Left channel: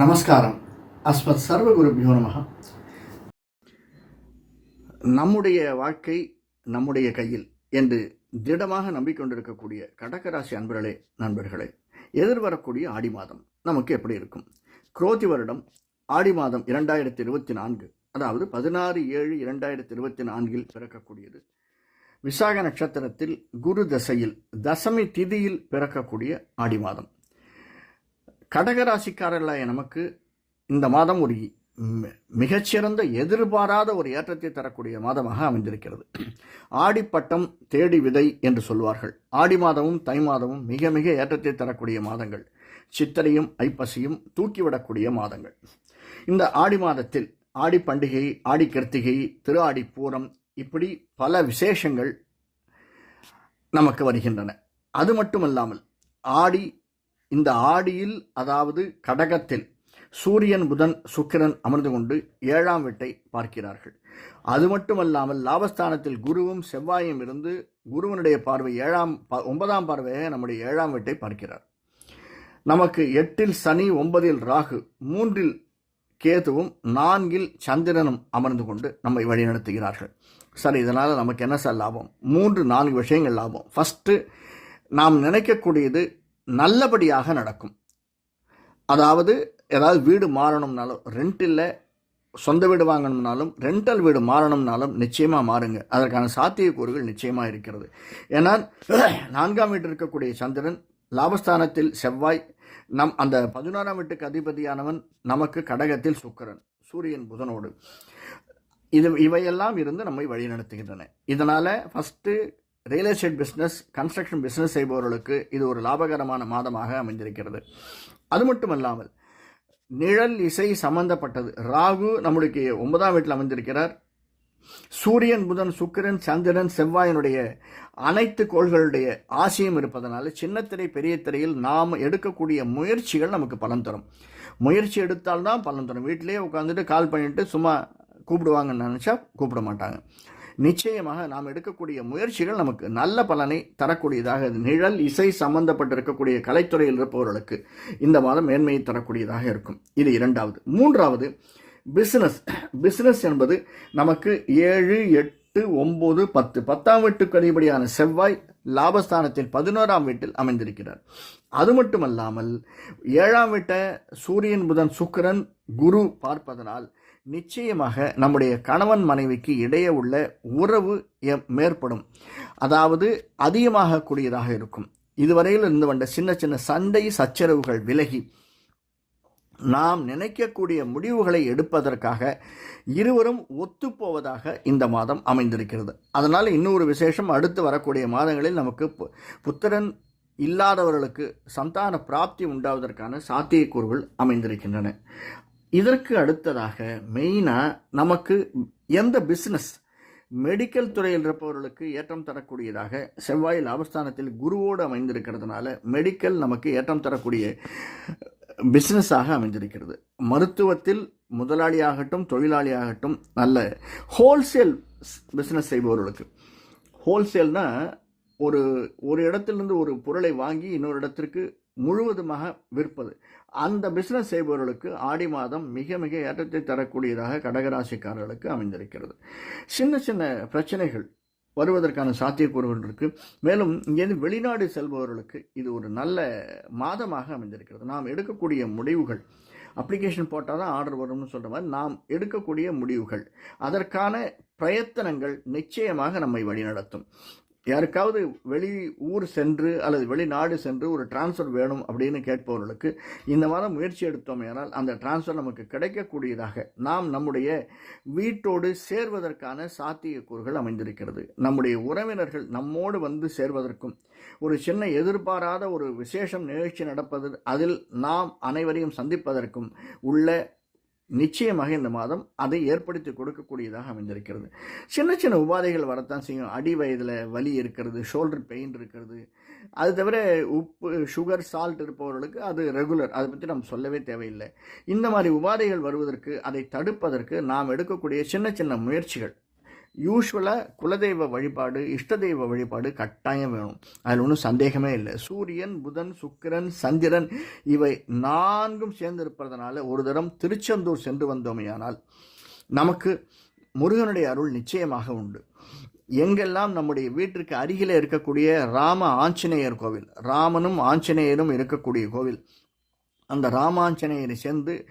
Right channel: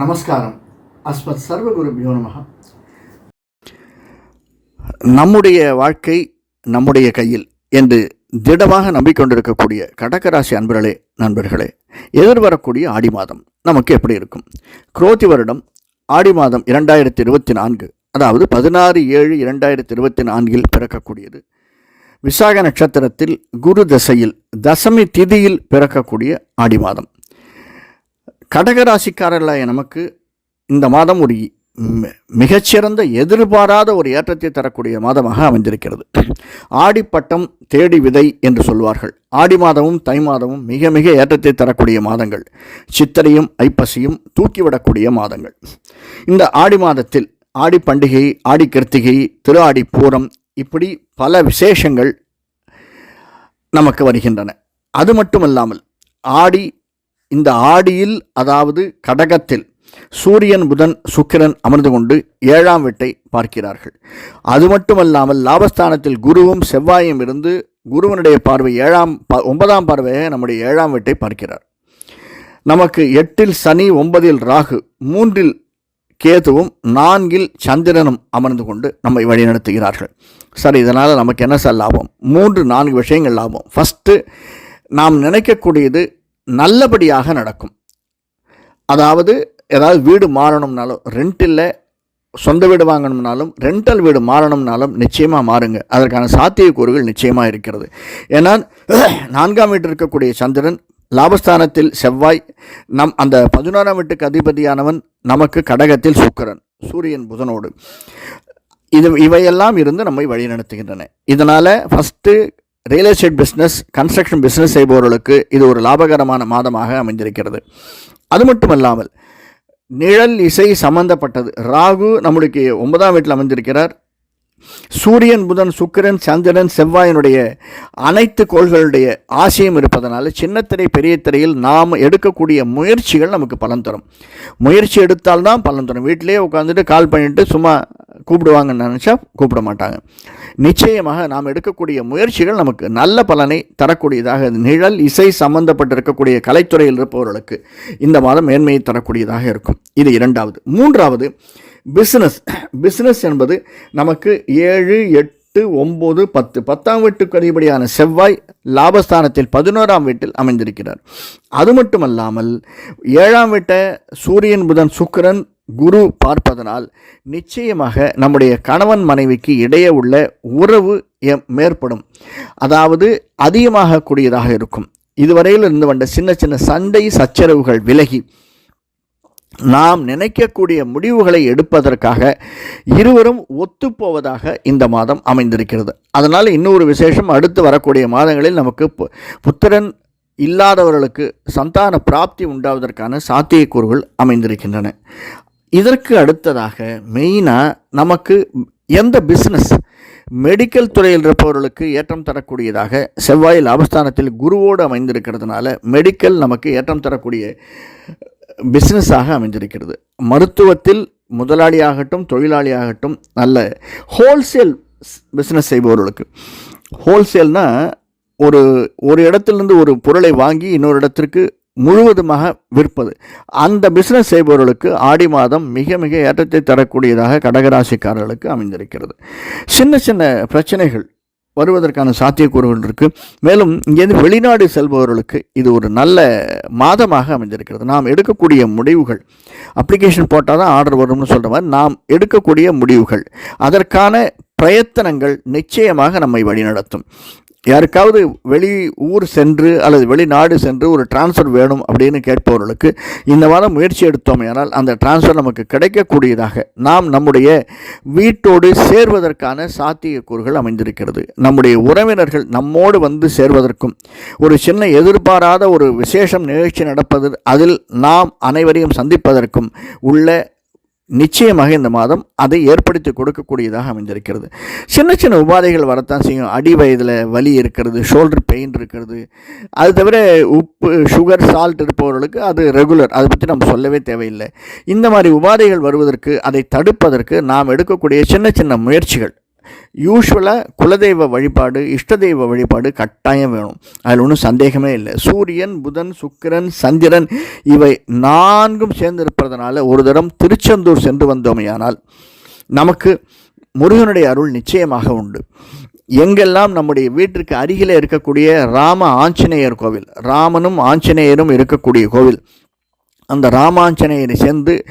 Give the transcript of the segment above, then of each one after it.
நமஸ்காரம். அஸ்மத் சர்வகுருபியோ நமக நம்முடைய வாழ்க்கை நம்முடைய கையில் என்று திடமாக நம்பிக்கொண்டிருக்கக்கூடிய கடகராசி அன்பர்களே நண்பர்களே எதிர்வரக்கூடிய ஆடி மாதம் நமக்கு எப்படி இருக்கும்? குரோதி வருடம் ஆடி மாதம் இரண்டாயிரத்தி இருபத்தி நான்கு அதாவது பதினாறு ஏழு இரண்டாயிரத்தி இருபத்தி நான்கில் பிறக்கக்கூடியது. விசாக நட்சத்திரத்தில் குரு தசையில் தசமி திதியில் பிறக்கக்கூடிய ஆடி மாதம். கடகராசிக்காரர்களாக நமக்கு இந்த மாதம் ஒரு மிகச்சிறந்த எதிர்பாராத ஒரு ஏற்றத்தை தரக்கூடிய மாதமாக அமைந்திருக்கிறது. ஆடிப்பட்டம் தேடி விதை என்று சொல்வார்கள். ஆடி மாதமும் தை மாதமும் மிக மிக ஏற்றத்தை தரக்கூடிய மாதங்கள். சித்திரையும் ஐப்பசியும் தூக்கிவிடக்கூடிய மாதங்கள். இந்த ஆடி மாதத்தில் ஆடி பண்டிகை ஆடி கிருத்திகை திரு ஆடி பூரம் இப்படி பல விசேஷங்கள் நமக்கு வருகின்றன. அது மட்டுமல்லாமல் ஆடி இந்த ஆடியில் அதாவது கடகத்தில் சூரியன் புதன் சுக்கிரன் அமர்ந்து கொண்டு ஏழாம் வீட்டை பார்க்கிறார்கள். அது மட்டுமல்லாமல் லாபஸ்தானத்தில் குருவும் செவ்வாயும் இருந்து குருவனுடைய பார்வை ஏழாம் ப- ஒன்பதாம் பார்வையாக நம்முடைய ஏழாம் வீட்டை பார்க்கிறார். நமக்கு எட்டில் சனி ஒன்பதில் ராகு மூன்றில் கேதுவும் நான்கில் சந்திரனும் அமர்ந்து கொண்டு நம்மை வழிநடத்துகிறார்கள். சார் இதனால் நமக்கு என்ன சார் லாபம்? மூன்று நான்கு விஷயங்கள் லாபம். ஃபஸ்ட்டு நாம் நினைக்கக்கூடியது நல்லபடியாக நடக்கும். அதாவது ஏதாவது வீடு மாறணும்னாலும் ரெண்ட் இல்லை சொந்த வீடு வாங்கணும்னாலும் ரெண்டல் வீடு மாறணும்னாலும் நிச்சயமாக மாறுங்க. அதற்கான சாத்தியக்கூறுகள் நிச்சயமாக இருக்கிறது. ஏன்னா நான்காம் வீட்டில் இருக்கக்கூடிய சந்திரன் லாபஸ்தானத்தில் செவ்வாய் நம் அந்த பதினோராம் வீட்டுக்கு அதிபதியானவன் நமக்கு கடகத்தில் சுக்கரன் சூரியன் புதனோடு. இது இவையெல்லாம் இருந்து நம்மை வழிநடத்துகின்றன. இதனால் first real estate business construction business செய்பவர்களுக்கு இது ஒரு லாபகரமான மாதமாக அமைந்திருக்கிறது. அது மட்டுமல்லாமல் நிழல் இசை சம்பந்தப்பட்டது. ராகு நம்மளுக்கு ஒன்பதாம் வீட்டில் அமைந்திருக்கிறார். சூரியன் புதன் சுக்கிரன் சந்திரன் செவ்வாயினுடைய அனைத்து கோள்களுடைய ஆசையும் இருப்பதனால சின்னத்திரை பெரிய திரையில் நாம் எடுக்கக்கூடிய முயற்சிகள் நமக்கு பலன் தரும். முயற்சி எடுத்தால்தான் பலன் தரும். வீட்டிலேயே உட்காந்துட்டு கால் பண்ணிட்டு சும்மா கூப்பிடுவாங்கன்னு நினச்சா கூப்பிட மாட்டாங்க. நிச்சயமாக நாம் எடுக்கக்கூடிய முயற்சிகள் நமக்கு நல்ல பலனை தரக்கூடியதாக நிழல் இசை சம்பந்தப்பட்டிருக்கக்கூடிய கலைத்துறையில் இருப்பவர்களுக்கு இந்த மாதம் மேன்மையை தரக்கூடியதாக இருக்கும். இது இரண்டாவது. மூன்றாவது பிஸ்னஸ் பிஸ்னஸ் என்பது நமக்கு ஏழு எட்டு ஒம்பது பத்து பத்தாம் வீட்டுக்கு அதிபடியான செவ்வாய் லாபஸ்தானத்தில் பதினோராம் வீட்டில் அமைந்திருக்கிறார். அது மட்டுமல்லாமல் ஏழாம் வீட்டை சூரியன் புதன் சுக்கரன் குரு பார்ப்பதனால் நிச்சயமாக நம்முடைய கணவன் மனைவிக்கு இடையே உள்ள உறவு மேற்படும். அதாவது அதிகமாக கூடியதாக இருக்கும். இதுவரையில் இருந்து வந்த சின்ன சின்ன சண்டை சச்சரவுகள் விலகி நாம் நினைக்கக்கூடிய முடிவுகளை எடுப்பதற்காக இருவரும் ஒத்துப்போவதாக இந்த மாதம் அமைந்திருக்கிறது. அதனால் இன்னொரு விசேஷம் அடுத்து வரக்கூடிய மாதங்களில் நமக்கு பு- புத்திரன் இல்லாதவர்களுக்கு சந்தான பிராப்தி உண்டாவதற்கான சாத்தியக்கூறுகள் அமைந்திருக்கின்றன. இதற்கு அடுத்ததாக மெயினாக நமக்கு எந்த பிஸ்னஸ் மெடிக்கல் துறையில் இருப்பவர்களுக்கு ஏற்றம் தரக்கூடியதாக செவ்வாய் லாபஸ்தானத்தில் குருவோடு அமைந்திருக்கிறதுனால மெடிக்கல் நமக்கு ஏற்றம் தரக்கூடிய பிஸ்னஸாக அமைந்திருக்கிறது. மருத்துவத்தில் முதலாளியாகட்டும் தொழிலாளியாகட்டும் நல்ல ஹோல்சேல் பிஸ்னஸ் செய்பவர்களுக்கு. ஹோல்சேல்னால் ஒரு ஒரு இடத்துலேருந்து ஒரு பொருளை வாங்கி இன்னொரு இடத்திற்கு முழுவதுமாக விற்பது. அந்த பிஸ்னஸ் செய்பவர்களுக்கு ஆடி மாதம் மிக மிக ஏற்றத்தை தரக்கூடியதாக கடகராசிக்காரர்களுக்கு அமைந்திருக்கிறது. சின்ன சின்ன பிரச்சனைகள் வருவதற்கான சாத்தியக்கூறுகள் இருக்குது மேலும் இங்கேருந்து வெளிநாடு செல்பவர்களுக்கு இது ஒரு நல்ல மாதமாக அமைஞ்சிருக்கிறது நாம் எடுக்கக்கூடிய முடிவுகள் அப்ளிகேஷன் போட்டால் தான் ஆர்டர் வரும்னு சொல்கிற மாதிரி நாம் எடுக்கக்கூடிய முடிவுகள் அதற்கான பிரயத்தனங்கள் நிச்சயமாக நம்மை வழிநடத்தும். யாருக்காவது வெளி ஊர் சென்று அல்லது வெளிநாடு சென்று ஒரு டிரான்ஸ்ஃபர் வேணும் அப்படின்னு கேட்பவர்களுக்கு இந்த மாதம் முயற்சி எடுத்தோம் ஆனால் அந்த டிரான்ஸ்ஃபர் நமக்கு கிடைக்கக்கூடியதாக நாம் நம்முடைய வீட்டோடு சேர்வதற்கான சாத்தியக்கூறுகள் அமைந்திருக்கிறது. நம்முடைய உறவினர்கள் நம்மோடு வந்து சேர்வதற்கும் ஒரு சின்ன எதிர்பாராத ஒரு விசேஷம் நிகழ்ச்சி நடப்பது அதில் நாம் அனைவரையும் சந்திப்பதற்கும் உள்ள நிச்சயமாக இந்த மாதம் அதை ஏற்படுத்தி கொடுக்கக்கூடியதாக அமைந்திருக்கிறது. சின்ன சின்ன உபாதைகள் வரத்தான் செய்யும். அடி வயதில் வலி இருக்கிறது ஷோல்டர் பெயின் இருக்கிறது. அது தவிர உப்பு சுகர் சால்ட் இருப்பவர்களுக்கு அது ரெகுலர் அதை பற்றி நம்ம சொல்லவே தேவையில்லை. இந்த மாதிரி உபாதைகள் வருவதற்கு அதை தடுப்பதற்கு நாம் எடுக்கக்கூடிய சின்ன சின்ன முயற்சிகள் யூஸ்வலாக குலதெய்வ வழிபாடு இஷ்ட தெய்வ வழிபாடு கட்டாயம் வேணும். அதில் ஒன்றும் சந்தேகமே இல்லை. சூரியன் புதன் சுக்கிரன் சந்திரன் இவை நான்கும் சேர்ந்திருப்பதனால ஒரு தரம் திருச்செந்தூர் சென்று வந்தோமையானால் நமக்கு முருகனுடைய அருள் நிச்சயமாக உண்டு. எங்கெல்லாம் நம்முடைய வீட்டிற்கு அருகிலே இருக்கக்கூடிய ராம ஆஞ்சநேயர் கோவில் ராமனும் ஆஞ்சநேயரும் இருக்கக்கூடிய கோவில் அந்த ராமாஞ்சநேயரை சேர்ந்து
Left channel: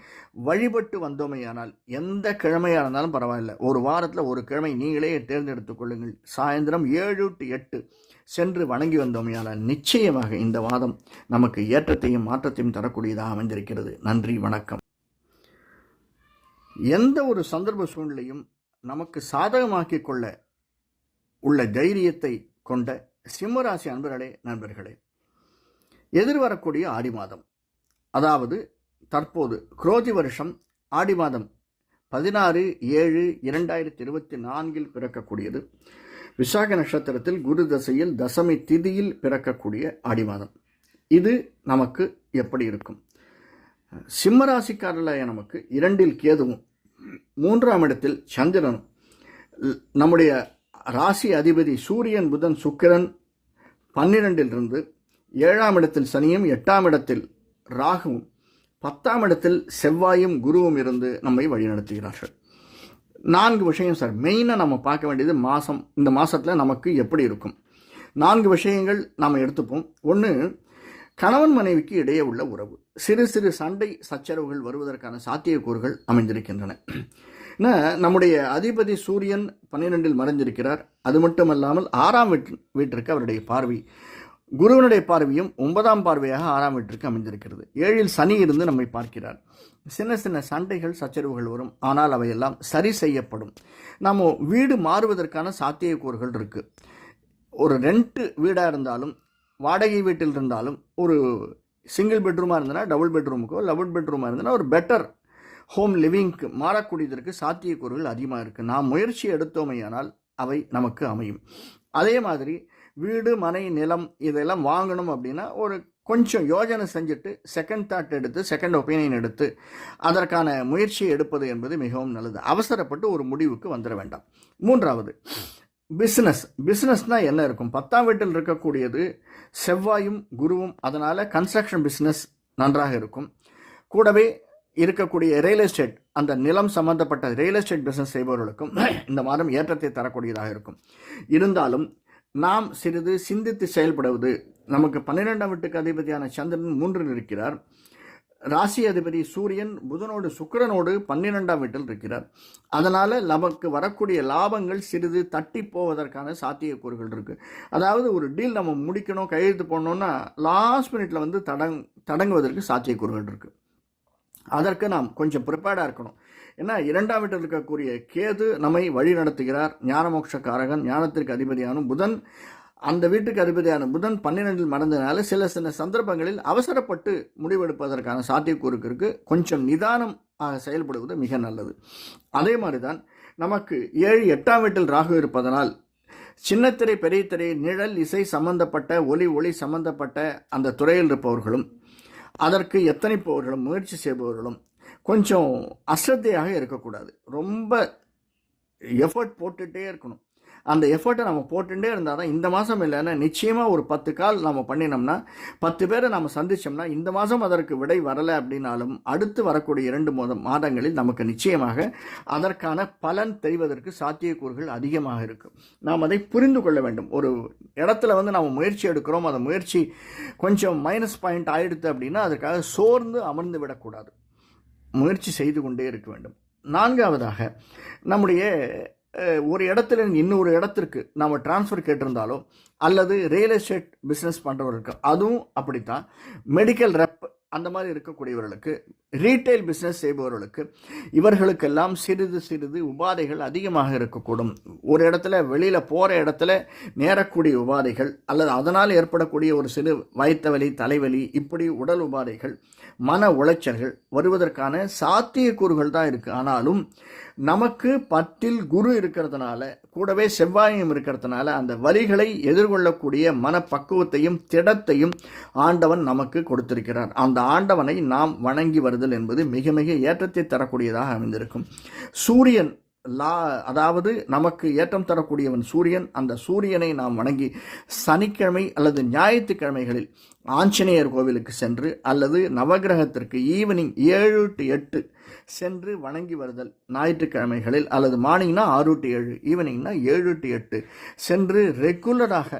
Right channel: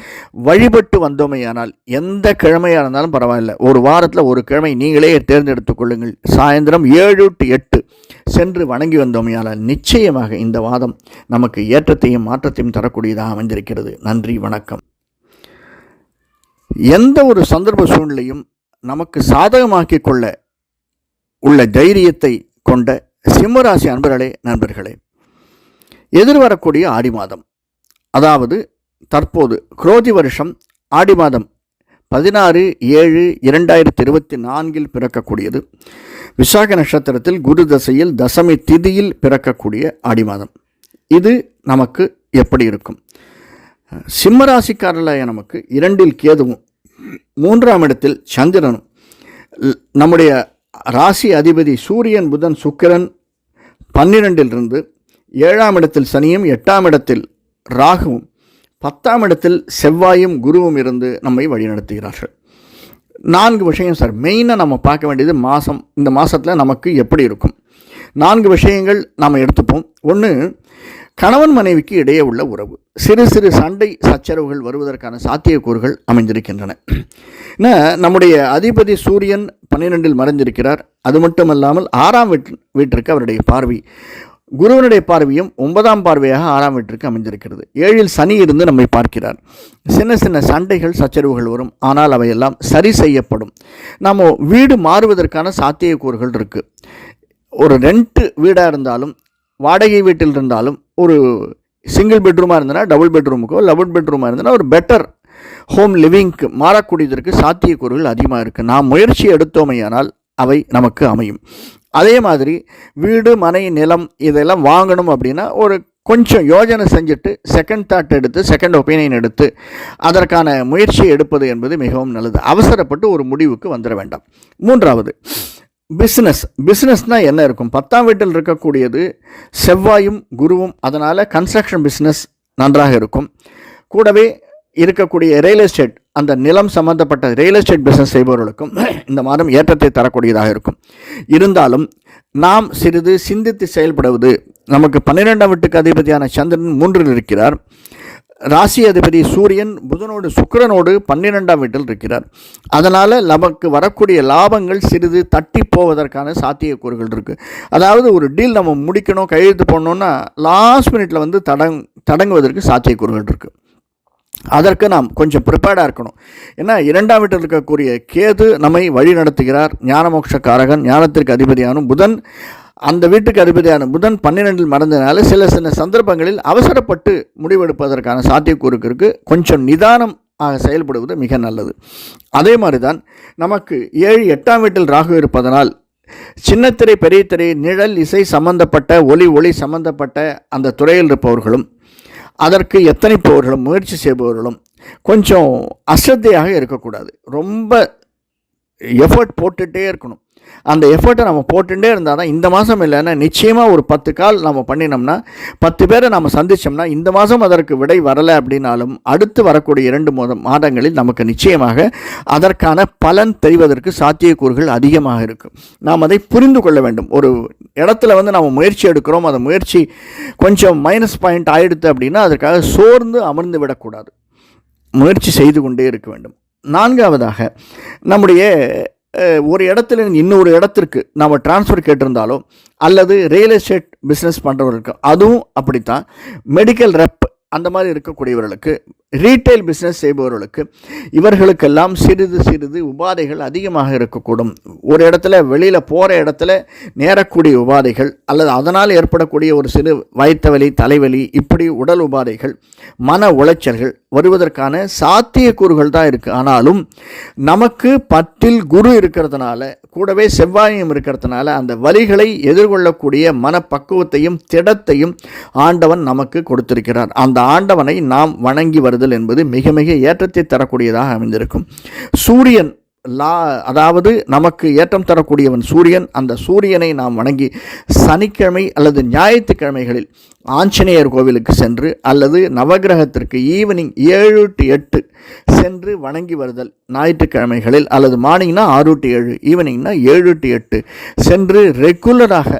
வழிபட்டு வந்தோமையானால் எந்த கிழமையாக இருந்தாலும் பரவாயில்ல. ஒரு வாரத்தில் ஒரு கிழமை நீங்களே தேர்ந்தெடுத்துக் கொள்ளுங்கள். சாயந்தரம் ஏழு டு எட்டு சென்று வணங்கி வந்தோமையானால் நிச்சயமாக இந்த வாதம் நமக்கு ஏற்றத்தையும் மாற்றத்தையும் தரக்கூடியதாக அமைந்திருக்கிறது. நன்றி வணக்கம். எந்த ஒரு சந்தர்ப்ப சூழ்நிலையும் நமக்கு சாதகமாக்கிக் கொள்ள உள்ள தைரியத்தை கொண்ட சிம்மராசி அன்பர்களே நண்பர்களே எதிர்வரக்கூடிய ஆடி மாதம். அதாவது தற்போது குரோதி வருஷம் ஆடி மாதம் பதினாறு ஏழு இரண்டாயிரத்தி இருபத்தி நான்கில் பிறக்கக்கூடியது. விசாக நட்சத்திரத்தில் குரு தசையில் தசமி திதியில் பிறக்கக்கூடிய ஆடி மாதம். இது நமக்கு எப்படி இருக்கும்? சிம்மராசிக்காரர்களாய நமக்கு இரண்டில் கேதுவும் மூன்றாம் இடத்தில் சந்திரனும். நம்முடைய ராசி அதிபதி சூரியன் புதன் சுக்கிரன் பன்னிரெண்டிலிருந்து ஏழாம் இடத்தில் சனியும் எட்டாம் இடத்தில் ராகுவும் பத்தாம் இடத்தில் செவ்வாயும் குருவும் இருந்து நம்மை வழிநடத்துகிறார்கள். நான்கு விஷயம் சார். மெயினாக நம்ம பார்க்க வேண்டியது மாதம் இந்த மாதத்தில் நமக்கு எப்படி இருக்கும்? நான்கு விஷயங்கள் நாம் எடுத்துப்போம். ஒன்று கணவன் மனைவிக்கு இடையே உள்ள உறவு. சிறு சிறு சண்டை சச்சரவுகள் வருவதற்கான சாத்தியக்கூறுகள் அமைந்திருக்கின்றன. நம்முடைய அதிபதி சூரியன் பன்னிரெண்டில் மறைந்திருக்கிறார். அது மட்டுமல்லாமல் ஆறாம் வீட் வீட்டிற்கு அவருடைய பார்வை. குருவனுடைய பார்வையும் ஒன்பதாம் பார்வையாக ஆறாம் வீட்டிற்கு அமைந்திருக்கிறது. ஏழில் சனி இருந்து நம்மை பார்க்கிறார். சின்ன சின்ன சண்டைகள் சச்சரவுகள் வரும். ஆனால் அவையெல்லாம் சரி செய்யப்படும். நாம் வீடு மாறுவதற்கான சாத்தியக்கூறுகள் இருக்குது ஒரு ரெண்ட் வீடாக இருந்தாலும் வாடகை வீட்டில் இருந்தாலும் ஒரு சிங்கிள் பெட்ரூமாக இருந்தனா டபுள் பெட்ரூமுக்கோ டபுள் பெட்ரூமாக இருந்தனா ஒரு பெட்டர் ஹோம் லிவிங்க்கு மாறக்கூடியதற்கு சாத்தியக்கூறுகள் அதிகமாக இருக்குது நாம் முயற்சி எடுத்தோமையானால் அவை நமக்கு அமையும். அதே மாதிரி வீடு மனை நிலம் இதெல்லாம் வாங்கணும் அப்படின்னா ஒரு கொஞ்சம் யோஜனை செஞ்சுட்டு செகண்ட் தாட் எடுத்து செகண்ட் ஒப்பீனியன் எடுத்து அதற்கான முயற்சியை எடுப்பது என்பது மிகவும் நல்லது. அவசரப்பட்டு ஒரு முடிவுக்கு வந்துட வேண்டாம். மூன்றாவது பிஸ்னஸ் பிஸ்னஸ்னால் என்ன இருக்கும்? பத்தாம் வீட்டில் இருக்கக்கூடியது செவ்வாயும் குருவும் அதனால் கன்ஸ்ட்ரக்ஷன் பிஸ்னஸ் நன்றாக இருக்கும். கூடவே இருக்கக்கூடிய ரியல் எஸ்டேட் அந்த நிலம் சம்பந்தப்பட்ட ரியல் எஸ்டேட் பிஸ்னஸ் செய்பவர்களுக்கும் இந்த மாதம் ஏற்றத்தை தரக்கூடியதாக இருக்கும். இருந்தாலும் நாம் சிறிது சிந்தித்து செயல்படுவது நமக்கு பன்னிரெண்டாம் வீட்டுக்கு அதிபதியான சந்திரன் மூன்றில் இருக்கிறார். ராசி அதிபதி சூரியன் புதனோடு சுக்கிரனோடு பன்னிரெண்டாம் வீட்டில் இருக்கிறார். அதனால் நமக்கு வரக்கூடிய லாபங்கள் சிறிது தட்டி போவதற்கான சாத்தியக்கூறுகள் இருக்குது அதாவது ஒரு டீல் நம்ம முடிக்கணும் கையெழுத்து போடணுன்னா லாஸ்ட் மினிட்ல வந்து தடங் தடங்குவதற்கு சாத்தியக்கூறுகள் இருக்குது அதற்கு நாம் கொஞ்சம் ப்ரிப்பேர்டாக இருக்கணும். ஏன்னா இரண்டாம் வீட்டில் இருக்கக்கூடிய கேது நம்மை வழி நடத்துகிறார். ஞானமோட்ச ஞானத்திற்கு அதிபதியான புதன். அந்த வீட்டுக்கு அதிபதியான புதன் பன்னிரெண்டில் மறந்ததினால சில சில சந்தர்ப்பங்களில் அவசரப்பட்டு முடிவெடுப்பதற்கான சாத்தியக்கூறுக்கு இருக்கு. கொஞ்சம் நிதானம் ஆக செயல்படுவது மிக நல்லது. அதே மாதிரி தான் நமக்கு ஏழு எட்டாம் வீட்டில் ராகு இருப்பதனால் சின்னத்திரை பெரிய திரை நிழல் இசை சம்பந்தப்பட்ட ஒலி ஒளி சம்பந்தப்பட்ட அந்த துறையில் இருப்பவர்களும் அதற்கு எத்தனைப்பவர்களும் முயற்சி செய்பவர்களும் கொஞ்சம் அஸ்ரத்தையாக இருக்கக்கூடாது. ரொம்ப எஃபர்ட் போட்டுகிட்டே இருக்கணும். அந்த எஃபர்ட்டை நம்ம போட்டுட்டே இருந்தால் தான் இந்த மாதம் இல்லைன்னா நிச்சயமாக ஒரு பத்து கால் நம்ம பண்ணினோம்னா பத்து பேரை நம்ம சந்தித்தோம்னா இந்த மாதம் அதற்கு விடை வரலை அப்படின்னாலும் அடுத்து வரக்கூடிய இரண்டு மாதம் மாதங்களில் நமக்கு நிச்சயமாக அதற்கான பலன் தெரிவதற்கு சாத்தியக்கூறுகள் அதிகமாக இருக்கும். நாம் அதை புரிந்து கொள்ள வேண்டும். ஒரு இடத்துல வந்து நம்ம முயற்சி எடுக்கிறோம் அந்த முயற்சி கொஞ்சம் மைனஸ் பாயிண்ட் ஆயிடுத்து அப்படின்னா அதற்காக சோர்ந்து அமர்ந்து விடக்கூடாது. முயற்சி செய்து கொண்டே இருக்க வேண்டும். நான்காவதாக நம்முடைய ஒரு இடத்துல இன்னொரு இடத்திற்கு நம்ம டிரான்ஸ்ஃபர் கேட்டிருந்தாலோ அல்லது ரியல் எஸ்டேட் பிஸ்னஸ் பண்ணுறவர்களுக்கு அதுவும் அப்படித்தான். மெடிக்கல் ரெப் அந்த மாதிரி இருக்கக்கூடியவர்களுக்கு ரீட்டைல் பிஸ்னஸ் செய்பவர்களுக்கு இவர்களுக்கெல்லாம் சிறிது சிறிது உபாதைகள் அதிகமாக இருக்கக்கூடும். ஒரு இடத்துல வெளியில் போகிற இடத்துல நேரக்கூடிய உபாதைகள் அல்லது அதனால் ஏற்படக்கூடிய ஒரு சிறு வயிற்றுவலி தலைவலி இப்படி உடல் உபாதைகள் மன உளைச்சல்கள் வருவதற்கான சாத்தியக்கூறுகள் தான் இருக்குது ஆனாலும் நமக்கு பத்தில் குரு இருக்கிறதுனால கூடவே செவ்வாயும் இருக்கிறதுனால அந்த வலிகளை எதிர்கொள்ளக்கூடிய மனப்பக்குவத்தையும் திடத்தையும் ஆண்டவன் நமக்கு கொடுத்திருக்கிறார். அந்த ஆண்டவனை நாம் வணங்கி பெறுதல் என்பது மிக மிக ஏற்றத்தை தரக்கூடியதாக அமைந்திருக்கும். சூரியன் லா அதாவது நமக்கு ஏற்றம் தரக்கூடியவன் சூரியன் அந்த சூரியனை நாம் வணங்கி சனிக்கிழமை அல்லது ஞாயிற்றுக்கிழமைகளில் ஆஞ்சநேயர் கோவிலுக்கு சென்று அல்லது நவகிரகத்திற்கு ஈவினிங் ஏழு டு எட்டு சென்று வணங்கி வருதல். ஞாயிற்றுக்கிழமைகளில் அல்லது மார்னிங்னா ஆறு டு ஏழு ஈவினிங்னா ஏழு டு எட்டு சென்று ரெகுலராக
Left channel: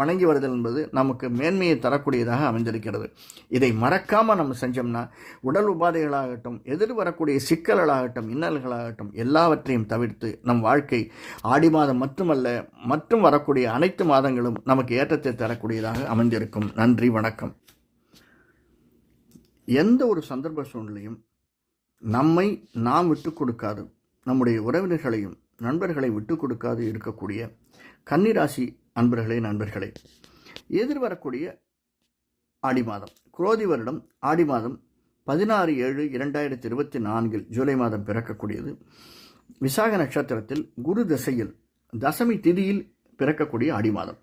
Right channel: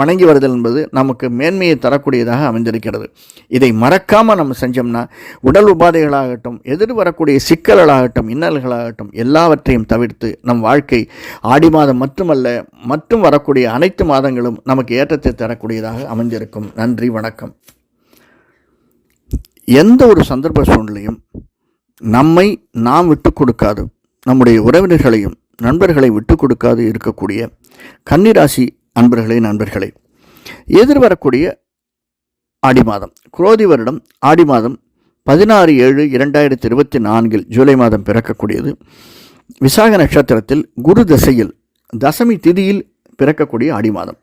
வணங்கி வருதல் என்பது நமக்கு மேன்மையை தரக்கூடியதாக அமைந்திருக்கிறது. இதை மறக்காமல் நம்ம செஞ்சோம்னா உடல் உபாதைகளாகட்டும் எதிர் வரக்கூடிய சிக்கல்களாகட்டும் இன்னல்களாகட்டும் எல்லாவற்றையும் தவிர்த்து நம் வாழ்க்கை ஆடி மாதம் மட்டுமல்ல மற்றும் வரக்கூடிய அனைத்து மாதங்களும் நமக்கு ஏற்றத்தை தரக்கூடியதாக அமைந்திருக்கும். நன்றி வணக்கம். எந்த ஒரு சந்தர்ப்ப சூழ்நிலையும் நம்மை நாம் விட்டு கொடுக்காது. நம்முடைய உறவினர்களையும் நண்பர்களை விட்டு கொடுக்காது இருக்கக்கூடிய கன்னிராசி அன்பர்களே நண்பர்களே எதிர்வரக்கூடிய ஆடி மாதம் குரோதி வருடம் ஆடி மாதம் பதினாறு ஏழு இரண்டாயிரத்தி இருபத்தி நான்கில் ஜூலை மாதம் பிறக்கக்கூடியது. விசாக நட்சத்திரத்தில் குரு தசையில் தசமி திதியில் பிறக்கக்கூடிய ஆடி மாதம்.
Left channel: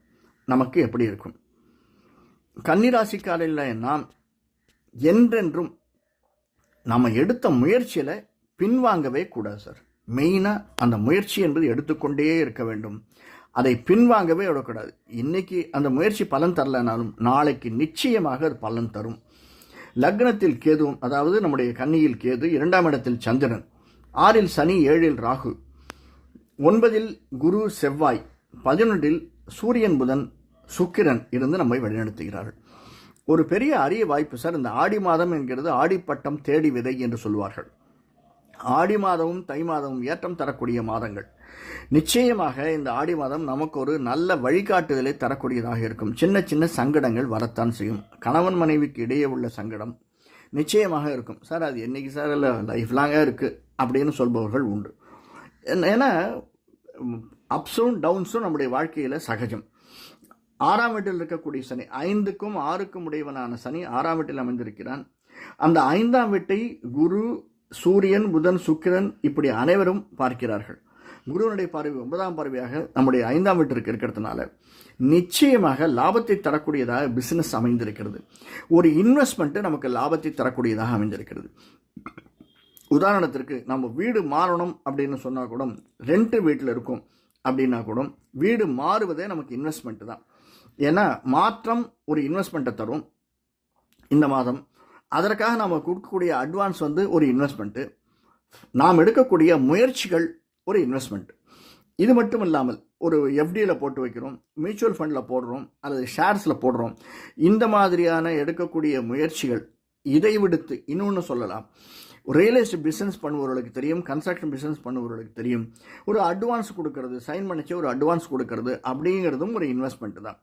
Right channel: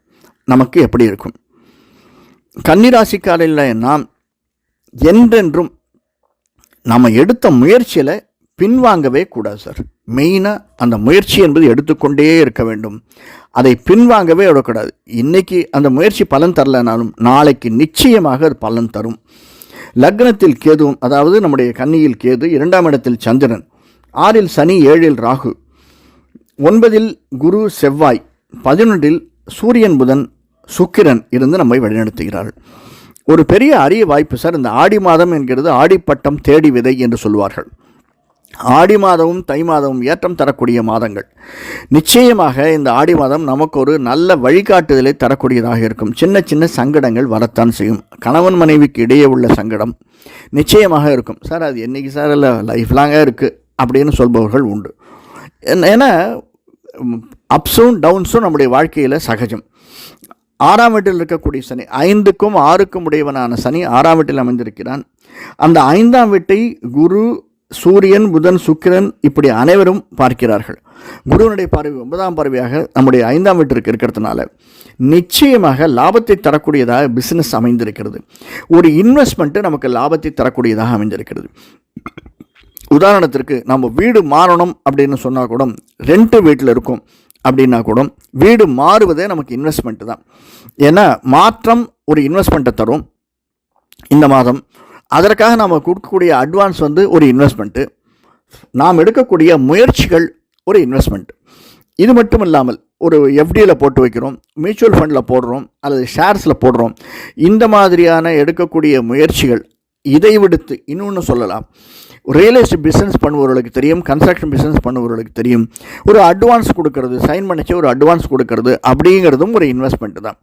நமக்கு எப்படி இருக்கும்? கன்னிராசிக்காரில் நாம் என்றென்றும் நம்ம எடுத்த முயற்சியில் பின்வாங்கவே கூடாது சார். மெயினாக அந்த முயற்சி என்பது எடுத்துக்கொண்டே இருக்க வேண்டும். அதை பின்வாங்கவே விடக்கூடாது. இன்றைக்கி அந்த முயற்சி பலன் தரலனாலும் நாளைக்கு நிச்சயமாக அது பலன் தரும். லக்னத்தில் கேதுவும் அதாவது நம்முடைய கன்னியில் கேது இரண்டாம் இடத்தில் சந்திரன் ஆறில் சனி ஏழில் ராகு ஒன்பதில் குரு செவ்வாய் பதினொன்றில் சூரியன் புதன் சுக்கிரன் இருந்து நம்மை வழிநடத்துகிறார்கள். ஒரு பெரிய அரிய வாய்ப்பு சார் இந்த ஆடி மாதம் என்கிறது ஆடிப்பட்டம் தேடி விதை என்று சொல்வார்கள். ஆடி மாதமும் தை மாதமும் ஏற்றம் தரக்கூடிய மாதங்கள். நிச்சயமாக இந்த ஆடி மாதம் நமக்கு ஒரு நல்ல வழிகாட்டுதலை தரக்கூடியதாக இருக்கும். சின்ன சின்ன சங்கடங்கள் வரத்தான் செய்யும். கணவன் மனைவிக்கு இடையே உள்ள சங்கடம் நிச்சயமாக இருக்கும். சார் அது என்றைக்கு சார்? இல்லை லைஃப் லாங்காக இருக்குது அப்படின்னு சொல்பவர்கள் உண்டு. ஏன்னா அப்ஸும் டவுன்ஸும் நம்முடைய வாழ்க்கையில் சகஜம். ஆறாம் வீட்டில் இருக்கக்கூடிய சனி ஐந்துக்கும் ஆறுக்கும் உடையவனான சனி ஆறாம் வீட்டில் அமைந்திருக்கிறான். அந்த ஐந்தாம் வீட்டை குரு சூரியன் புதன் சுக்கிரன் இப்படி அனைவரும் பார்க்கிறார்கள். குருவனுடைய பார்வை ஒன்பதாம் பார்வையாக நம்முடைய ஐந்தாம் வீட்டிற்கு இருக்கிறதுனால நிச்சயமாக லாபத்தை தரக்கூடியதாக பிஸ்னஸ் அமைந்திருக்கிறது. ஒரு இன்வெஸ்ட்மெண்ட்டு நமக்கு லாபத்தை தரக்கூடியதாக அமைந்திருக்கிறது. உதாரணத்திற்கு நம்ம வீடு மாறணும் அப்படின்னு சொன்னால் கூட ரெண்டு வீட்டில் இருக்கும் அப்படின்னா கூட வீடு மாறுவதே நமக்கு இன்வெஸ்ட்மெண்ட்டு தான். ஏன்னா மாற்றம் ஒரு இன்வெஸ்ட்மெண்ட்டை தரும். இந்த மாதம் அதற்காக நாம் கொடுக்கக்கூடிய அட்வான்ஸ் வந்து ஒரு இன்வெஸ்ட்மெண்ட்டு நாம் எடுக்கக்கூடிய முயற்சிகள் ஒரு இன்வெஸ்ட்மெண்ட் இது மட்டும் இல்லாமல் ஒரு எஃப்டியில் போட்டு வைக்கிறோம் மியூச்சுவல் ஃபண்டில் போடுறோம் அல்லது ஷேர்ஸில் போடுறோம். இந்த மாதிரியான எடுக்கக்கூடிய முயற்சிகள் இதை விடுத்து இன்னொன்று சொல்லலாம். ரியல் எஸ்டேட் பிஸ்னஸ் பண்ணுபவர்களுக்கு தெரியும் கன்ஸ்ட்ரக்ஷன் பிஸ்னஸ் பண்ணுபவர்களுக்கு தெரியும். ஒரு அட்வான்ஸ் கொடுக்கறது சைன் பண்ணிச்சு ஒரு அட்வான்ஸ் கொடுக்கறது அப்படிங்கிறதும் ஒரு இன்வெஸ்ட்மெண்ட் தான்.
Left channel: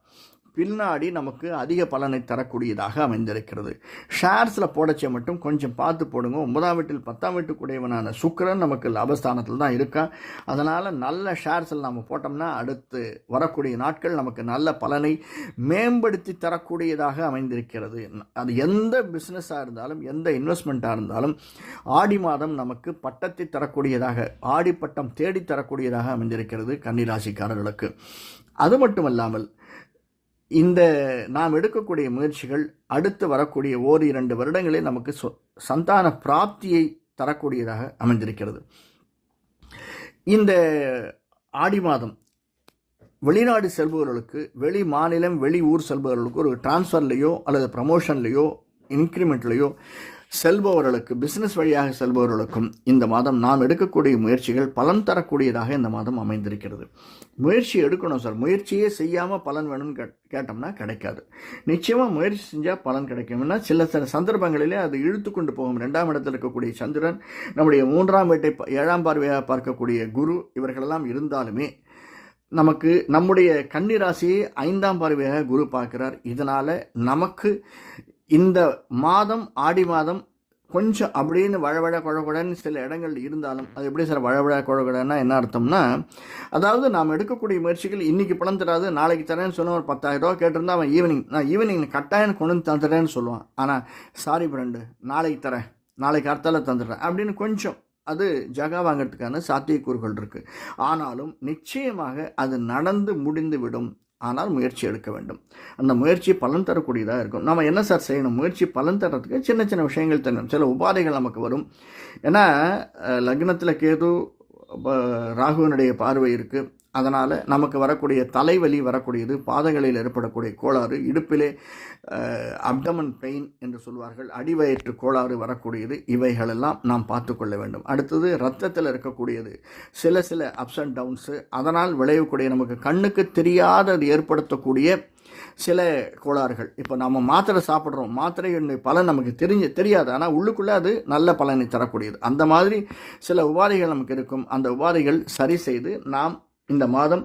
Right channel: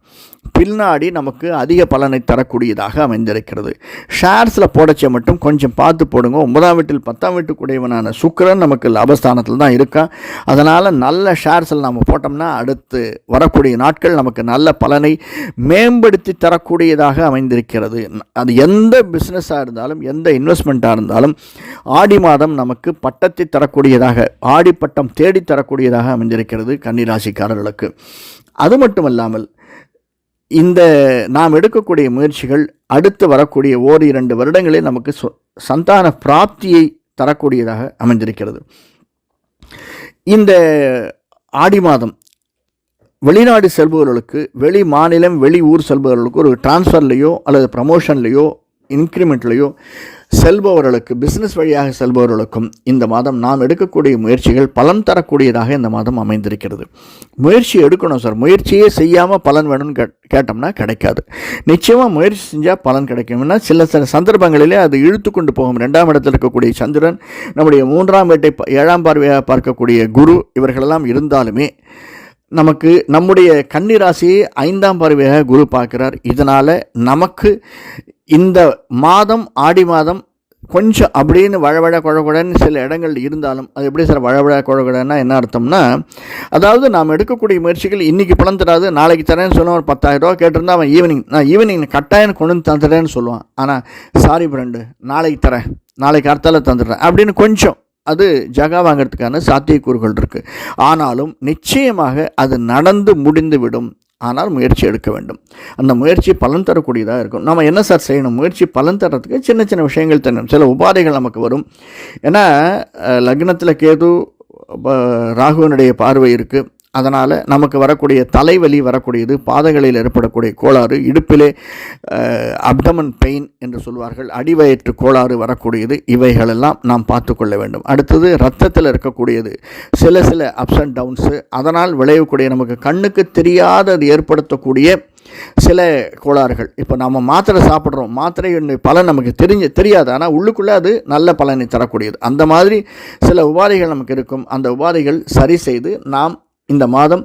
பின்னாடி நமக்கு அதிக பலனை தரக்கூடியதாக அமைந்திருக்கிறது. ஷேர்ஸில் போடச்ச மட்டும் கொஞ்சம் பார்த்து போடுங்க. ஒன்பதாம் வீட்டில் பத்தாம் வீட்டுக்குடையவனான சுக்கரன் நமக்கு லாபஸ்தானத்தில் தான் இருக்கா அதனால் நல்ல ஷேர்ஸில் நம்ம போட்டோம்னா அடுத்து வரக்கூடிய நாட்கள் நமக்கு நல்ல பலனை மேம்படுத்தி தரக்கூடியதாக அமைந்திருக்கிறது. அது எந்த பிஸ்னஸாக இருந்தாலும் எந்த இன்வெஸ்ட்மெண்ட்டாக இருந்தாலும் ஆடி மாதம் நமக்கு பட்டத்தை தரக்கூடியதாக ஆடி பட்டம் தேடி தரக்கூடியதாக அமைந்திருக்கிறது கன்னிராசிக்காரர்களுக்கு. அது மட்டுமல்லாமல் இந்த நாம் எடுக்கக்கூடிய முயற்சிகள் அடுத்து வரக்கூடிய ஓர் இரண்டு வருடங்களில் நமக்கு சந்தான பிராப்தியை தரக்கூடியதாக அமைந்திருக்கிறது. இந்த ஆடி மாதம் வெளிநாடு செல்பவர்களுக்கு வெளி மாநிலம் வெளி ஊர் செல்பவர்களுக்கு ஒரு டிரான்ஸ்ஃபர்லேயோ அல்லது ப்ரமோஷன்லேயோ இன்க்ரிமெண்ட்லேயோ செல்பவர்களுக்கு பிஸ்னஸ் வழியாக செல்பவர்களுக்கும் இந்த மாதம் நாம் எடுக்கக்கூடிய முயற்சிகள் பலன் தரக்கூடியதாக இந்த மாதம் அமைந்திருக்கிறது. முயற்சி எடுக்கணும் சார். முயற்சியே செய்யாமல் பலன் வேணும்னு கே கேட்டோம்னா கிடைக்காது. நிச்சயமாக முயற்சி செஞ்சால் பலன் கிடைக்கும்னா சில சில சந்தர்ப்பங்களிலே அது இழுத்து கொண்டு போகும். ரெண்டாம் இடத்தில் இருக்கக்கூடிய சந்திரன் நம்முடைய மூன்றாம் வீட்டை ஏழாம் பார்வையாக பார்க்கக்கூடிய குரு இவர்களெல்லாம் இருந்தாலுமே நமக்கு நம்முடைய கன்னிராசியை ஐந்தாம் பார்வையாக குரு பார்க்கிறார். இதனால் நமக்கு இந்த மாதம் ஆடி மாதம் கொஞ்சம் அப்படின்னு வழவழ குழகுடன்னு சில இடங்கள் இருந்தாலும் அது எப்படி சார் வழவழ குழகுடன்னா என்ன அர்த்தம்னா அதாவது நாம் எடுக்கக்கூடிய முயற்சிகள் இன்றைக்கி பணம் தராது நாளைக்கு தரேன்னு சொன்னால் ஒரு பத்தாயிரம் ரூபா கேட்டிருந்தா அவன் ஈவினிங் நான் ஈவினிங் கட்டாயம் கொண்டு வந்து தந்துடுறேன்னு சொல்லுவான். ஆனால் சாரி ஃப்ரெண்டு நாளைக்கு தரேன் நாளைக்கு அர்த்தால தந்துடுறேன் அப்படின்னு கொஞ்சம் அது ஜகா வாங்கிறதுக்கான சாத்தியக்கூறுகள் இருக்குது ஆனாலும் நிச்சயமாக அது நடந்து முடிந்துவிடும். ஆனால் முயற்சி எடுக்க வேண்டும். அந்த முயற்சி பலன் தரக்கூடியதாக இருக்கும். நம்ம என்ன சார் செய்யணும்? முயற்சி பலன் தரத்துக்கு சின்ன சின்ன விஷயங்கள் தரணும் சில உபாதைகள் நமக்கு வரும். ஏன்னா லக்னத்தில் கேது ராகுவனுடைய பார்வை இருக்குது அதனால் நமக்கு வரக்கூடிய தலைவலி வரக்கூடியது பாதங்களில் ஏற்படக்கூடிய கோளாறு இடுப்பிலே அப்டமன் பெயின் என்று சொல்வார்கள் அடிவயிற்று கோளாறு வரக்கூடியது இவைகளெல்லாம் நாம் பார்த்து கொள்ள வேண்டும். அடுத்தது ரத்தத்தில் இருக்கக்கூடியது சில சில அப்ஸ் அண்ட் டவுன்ஸு அதனால் விளையக்கூடிய நமக்கு கண்ணுக்கு தெரியாத அது ஏற்படுத்தக்கூடிய சில கோளாறுகள். இப்போ நம்ம மாத்திரை சாப்பிட்றோம் மாத்திரை பலன் நமக்கு தெரிஞ்சு தெரியாது. ஆனால் உள்ளுக்குள்ளே அது நல்ல பலனை தரக்கூடியது. அந்த மாதிரி சில உபாதைகள் நமக்கு இருக்கும். அந்த உபாதைகள் சரி செய்து நாம் இந்த மாதம்.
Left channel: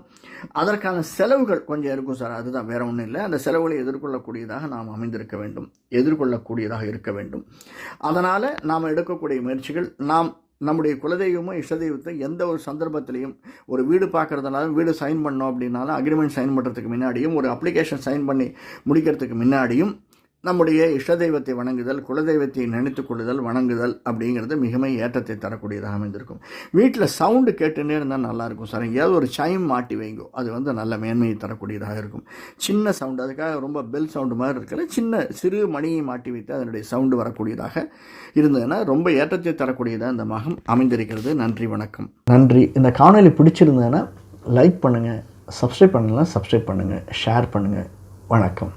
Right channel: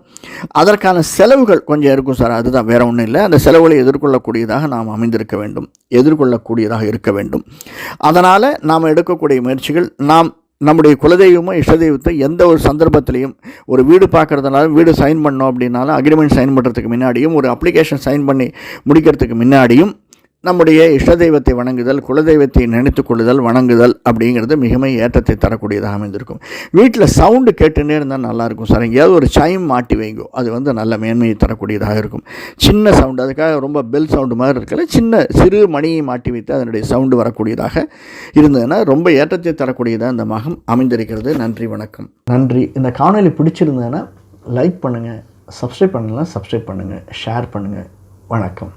அதற்கான செலவுகள் கொஞ்சம் இருக்கும் சார். அதுதான் வேறு ஒன்றும் இல்லை. அந்த செலவுகளை எதிர்கொள்ளக்கூடியதாக நாம் அமைந்திருக்க வேண்டும். எதிர்கொள்ளக்கூடியதாக இருக்க வேண்டும். அதனால் நாம் எடுக்கக்கூடிய முயற்சிகள் நாம் நம்முடைய குலதெய்வமோ இஷ்டதெய்வத்தை எந்த ஒரு சந்தர்ப்பத்திலையும் ஒரு வீடு பார்க்குறதுனால வீடு சைன் பண்ணோம் அப்படின்னாலும் அக்ரிமெண்ட் சைன் பண்ணுறதுக்கு முன்னாடியும் ஒரு அப்ளிகேஷன் சைன் பண்ணி முடிக்கிறதுக்கு முன்னாடியும் நம்முடைய இஷ்ட தெய்வத்தை வணங்குதல் குலதெய்வத்தை நினைத்து கொள்ளுதல் வணங்குதல் அப்படிங்கிறது மிகவும் ஏற்றத்தை தரக்கூடியதாக அமைந்திருக்கும். வீட்டில் சவுண்டு கேட்டுன்னே இருந்தால் நல்லாயிருக்கும் சார். எங்கேயாவது ஒரு சைம் மாட்டி வைங்கோ அது வந்து நல்ல மேன்மையை தரக்கூடியதாக இருக்கும். சின்ன சவுண்டு அதுக்காக ரொம்ப பெல் சவுண்டு மாதிரி இருக்கல சின்ன சிறு மணியை மாட்டி வைத்து அதனுடைய சவுண்டு வரக்கூடியதாக இருந்ததுன்னா ரொம்ப ஏற்றத்தை தரக்கூடியதாக இந்த மகம் அமைந்திருக்கிறது. நன்றி வணக்கம். நன்றி. இந்த காணொலி பிடிச்சிருந்ததுன்னா லைக் பண்ணுங்கள் சப்ஸ்கிரைப் பண்ணலாம் சப்ஸ்கிரைப் பண்ணுங்கள் ஷேர் பண்ணுங்கள் வணக்கம்.